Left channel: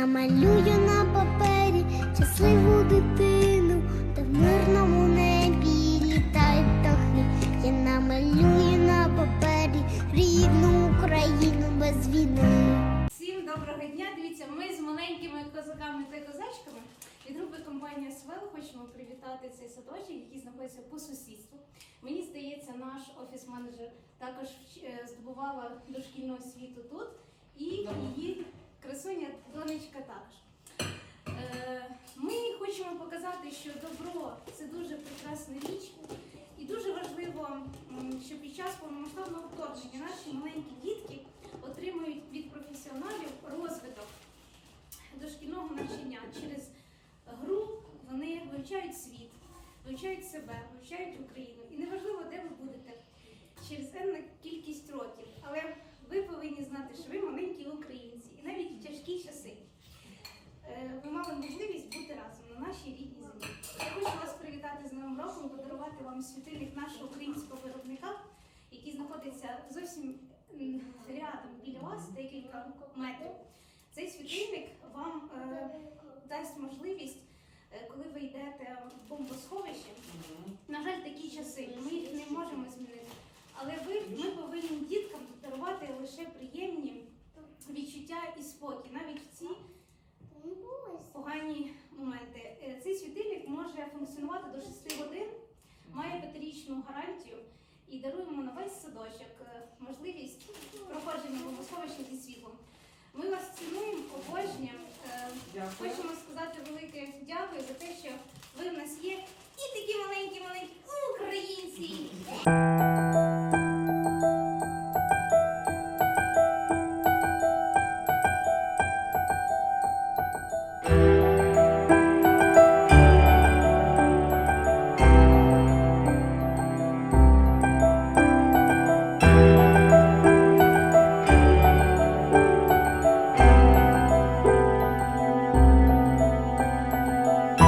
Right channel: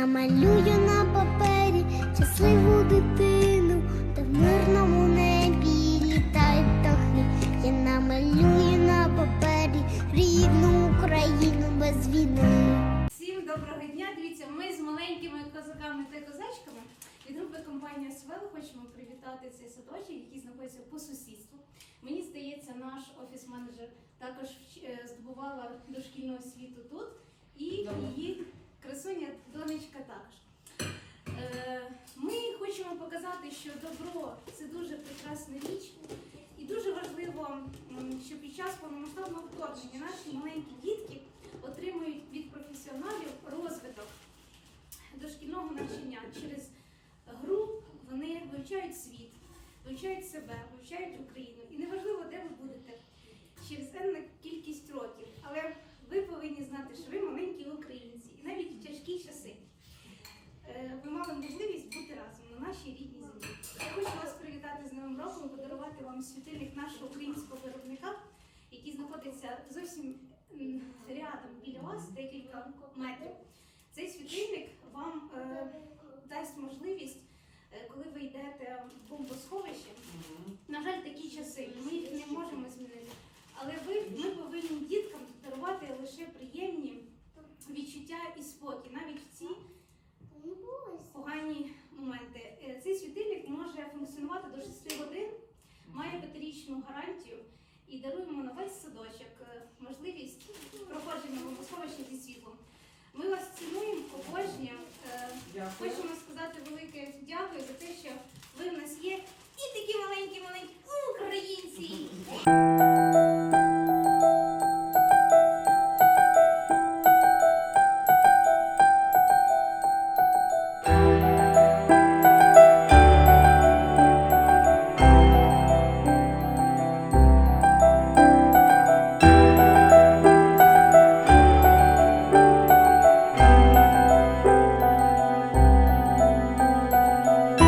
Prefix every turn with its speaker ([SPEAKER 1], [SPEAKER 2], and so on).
[SPEAKER 1] намалюю на папері щасливу дитину, та в мирному небі літають птахи. Я намалюю на папері рідну Україну без війни.
[SPEAKER 2] Всім доброго дня! Дивіться, ми з маленькими козаками та козачками від групи компанія Свел хочемо привітати цей садочок, який знаходиться по сусідству. Мені здається, наш офіс-менеджер також е, здобувала дошкільну освіту тут, і її красуня донечка також. Е, Ми хочемо показати, що добро це дуже прекрасна річ, і дуже важливо, що під час повномасштабного вторгнення наші маленькі дітки отримують від професіоналів розвиток дошкільного навчання через гру. Вони вивчають світ, вивчають себе, вивчають Україну. І неважливо, де ви будете через енну кількість років, але ви повинні знати, що ви маленькі українці, і навіть в тяжкі часи е, ви мали можливість бути разом на нашій рідній землі. Я хочу вас привітати з Новим роком, подарувати вам світильник нашого українського виробника, який знаходиться зовсім рядом біля вас, декілька метрів. Цей світильник вам е, дасть можливість, е, коли ви йдете в бомбосховище. На жаль, такі часи, ми їх не можемо змінити. Але ви, ми повинні діткам дарувати лише приємні відчуття і спокій, навіть в ці погані моменти. Е, Цей світильник може функціонувати до 6 годин, має п'ятирічну гарантію і даруємо на весь садочок е, можливість проходження бомбосховища зі світлом. Ми вас цінуємо, обожнюємо. Е, хочемо сказати велике дякую за те, що ви в нас є, і такі маленькі, маленькі українці.